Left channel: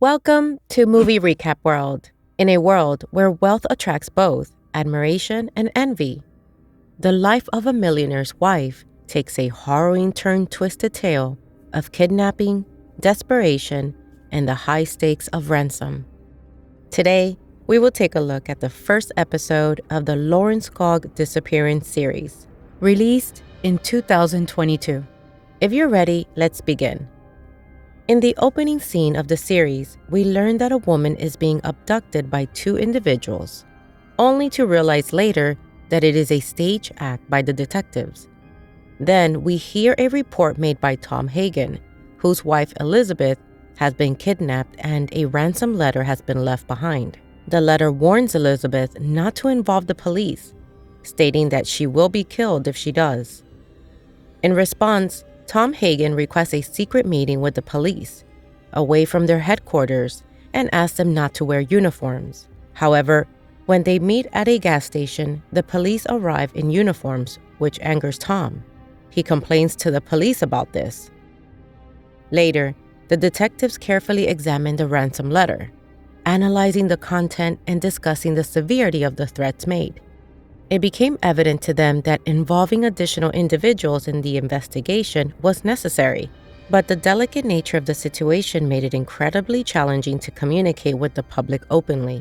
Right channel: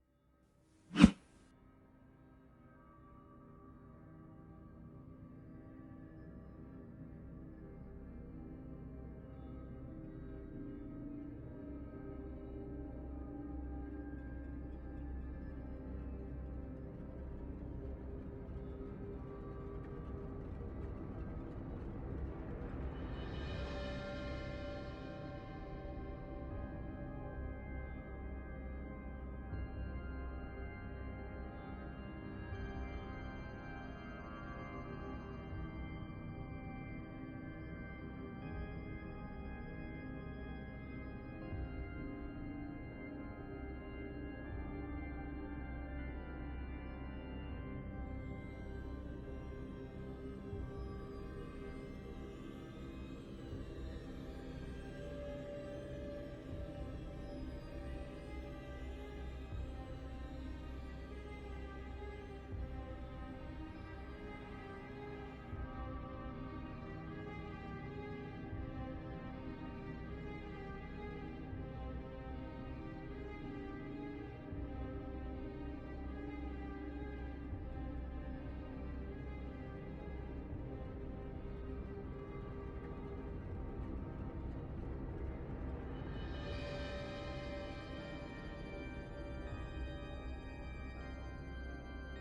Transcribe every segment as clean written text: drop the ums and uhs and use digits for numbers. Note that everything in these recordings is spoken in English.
Welcome to Movie Recap World, in a world where wealth attracts both admiration and envy. The life of a millionaire's wife takes a harrowing twisted tale of kidnapping, desperation, and the high stakes of ransom. Today, we will take a look at the first episode of the LORENSKOG disappearance series, released in 2022. If you're ready, let's begin. In the opening scene of the series, we learn that a woman is being abducted by two individuals, only to realize later that it is a stage act by the detectives. Then we hear a report made by Tom Hagen, whose wife Elizabeth has been kidnapped and a ransom letter has been left behind. The letter warns Elizabeth not to involve the police, stating that she will be killed if she does. In response, Tom Hagen requests a secret meeting with the police, away from their headquarters, and asks them not to wear uniforms. However, when they meet at a gas station, the police arrive in uniforms, which angers Tom. He complains to the police about this. Later, the detectives carefully examine the ransom letter, analyzing the content and discussing the severity of the threats made. It became evident to them that involving additional individuals in the investigation was necessary, but the delicate nature of the situation made it incredibly challenging to communicate with the public openly.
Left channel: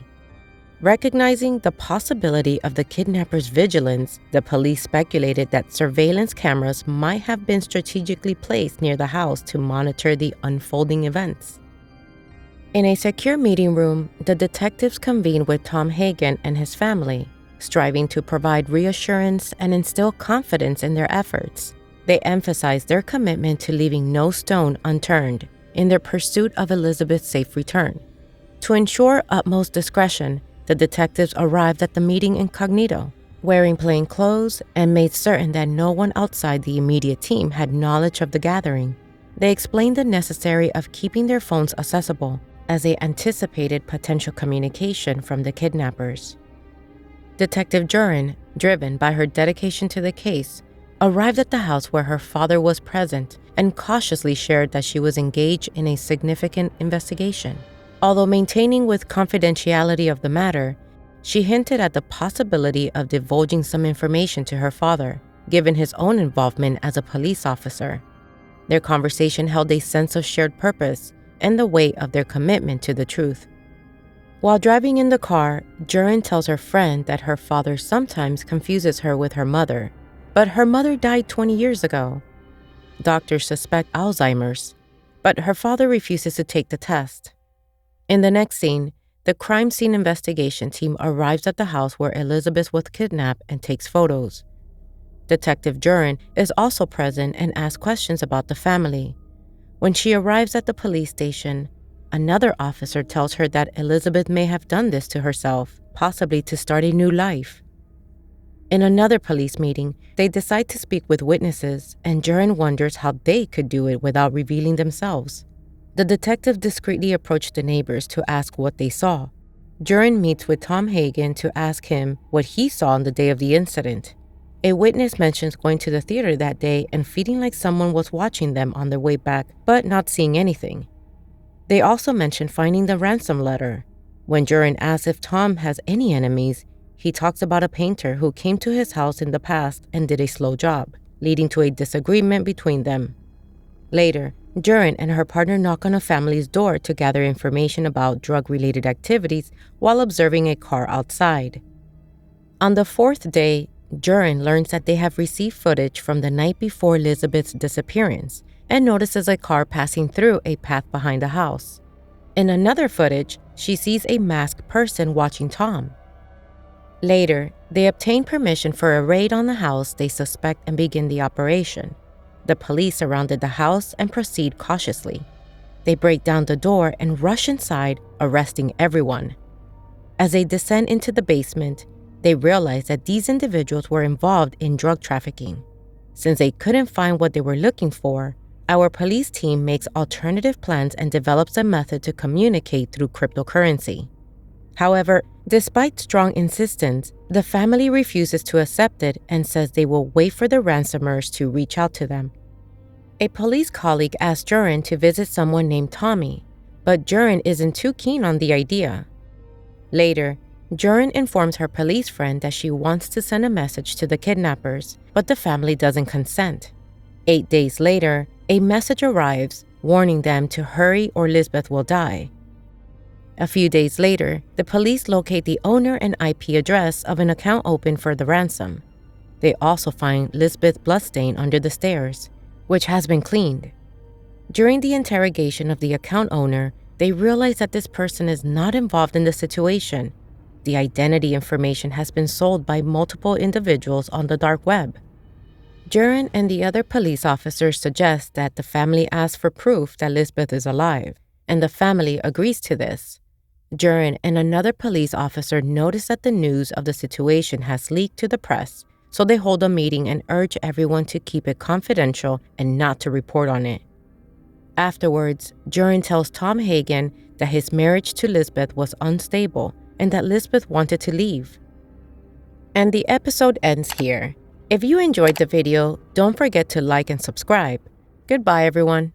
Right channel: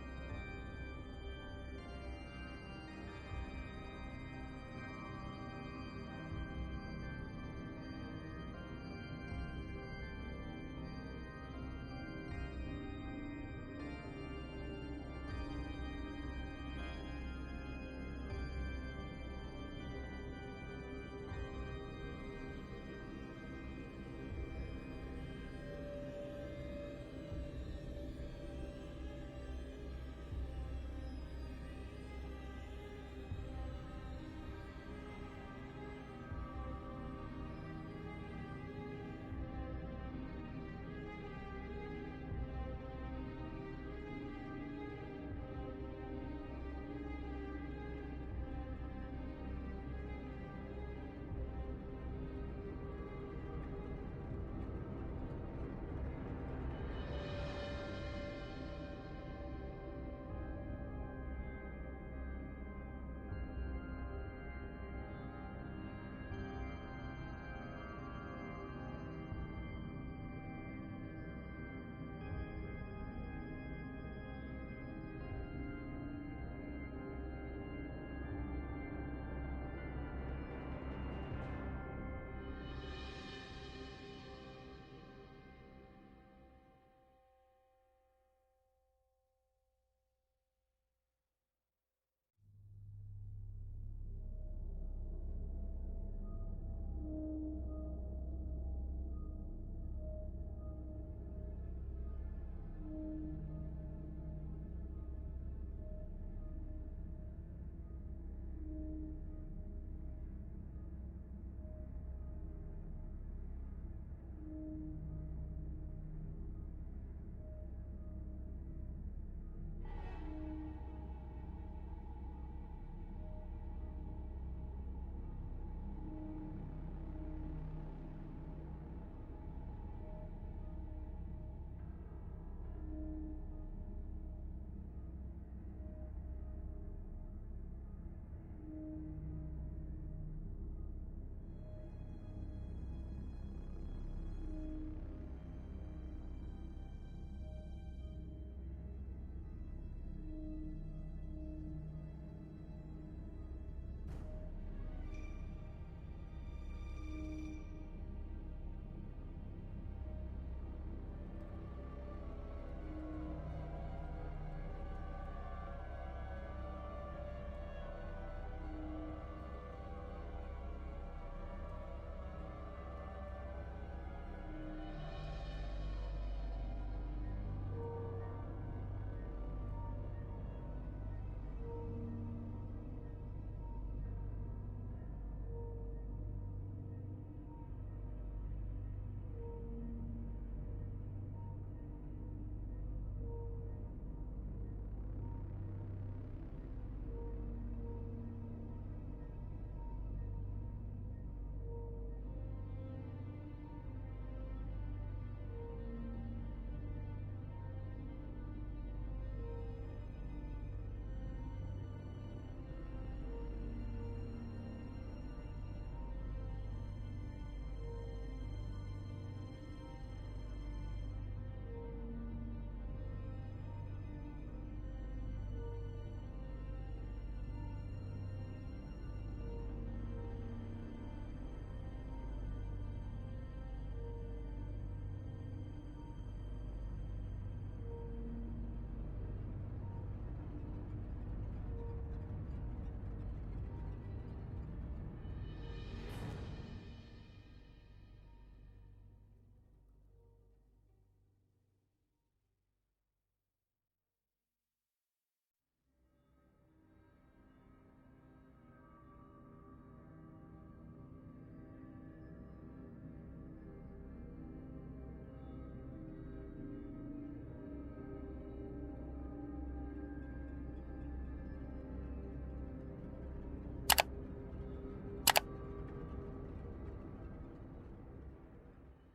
Recognizing the possibility of the kidnappers' vigilance, the police speculated that surveillance cameras might have been strategically placed near the house to monitor the unfolding events. In a secure meeting room, the detectives convened with Tom Hagen and his family, striving to provide reassurance and instill confidence in their efforts. They emphasized their commitment to leaving no stone unturned in their pursuit of Elizabeth's safe return. To ensure utmost discretion, the detectives arrived at the meeting incognito, wearing plain clothes, and made certain that no one outside the immediate team had knowledge of the gathering. They explained the necessity of keeping their phones accessible, as they anticipated potential communication from the kidnappers. Detective Jurin, driven by her dedication to the case, arrived at the house where her father was present and cautiously shared that she was engaged in a significant investigation. Although maintaining with confidentiality of the matter, she hinted at the possibility of divulging some information to her father, given his own involvement as a police officer. Their conversation held a sense of shared purpose and the weight of their commitment to the truth. While driving in the car, Jurin tells her friend that her father sometimes confuses her with her mother, but her mother died 20 years ago. Doctors suspect Alzheimer's, but her father refuses to take the test. In the next scene, the crime scene investigation team arrives at the house where Elizabeth was kidnapped and takes photos. Detective Jurin is also present and asks questions about the family. When she arrives at the police station, another officer tells her that Elizabeth may have done this to herself, possibly to start a new life. In another police meeting, they decide to speak with witnesses, and Jurin wonders how they could do it without revealing themselves. The detective discreetly approached the neighbors to ask what they saw. Jurin meets with Tom Hagen to ask him what he saw on the day of the incident. A witness mentions going to the theater that day and feeling like someone was watching them on their way back, but not seeing anything. They also mention finding the ransom letter. When Jurin asks if Tom has any enemies, he talks about a painter who came to his house in the past and did a slow job, leading to a disagreement between them. Later, Jurin and her partner knock on a family's door to gather information about drug-related activities while observing a car outside. On the fourth day, Jurin learns that they have received footage from the night before Elizabeth's disappearance, and notices a car passing through a path behind the house. In another footage, she sees a masked person watching Tom. Later, they obtain permission for a raid on the house they suspect and begin the operation. The police surrounded the house and proceed cautiously. They break down the door and rush inside, arresting everyone. As they descend into the basement, they realize that these individuals were involved in drug trafficking. Since they couldn't find what they were looking for, our police team makes alternative plans and develops a method to communicate through cryptocurrency. However, despite strong insistence, the family refuses to accept it and says they will wait for the ransomers to reach out to them. A police colleague asks Jurin to visit someone named Tommy, but Jurin isn't too keen on the idea. Later, Jurin informs her police friend that she wants to send a message to the kidnappers, but the family doesn't consent. 8 days later, a message arrives warning them to hurry or Lisbeth will die. A few days later, the police locate the owner and IP address of an account opened for the ransom. They also find Lisbeth's bloodstain under the stairs, which has been cleaned. During the interrogation of the account owner, they realize that this person is not involved in the situation. The identity information has been sold by multiple individuals on the dark web. Jurin and the other police officers suggest that the family ask for proof that Lisbeth is alive, and the family agrees to this. Jurin and another police officer notice that the news of the situation has leaked to the press, so they hold a meeting and urge everyone to keep it confidential and not to report on it. Afterwards, Jurin tells Tom Hagen that his marriage to Lisbeth was unstable and that Lisbeth wanted to leave. And the episode ends here. If you enjoyed the video, don't forget to like and subscribe. Goodbye, everyone.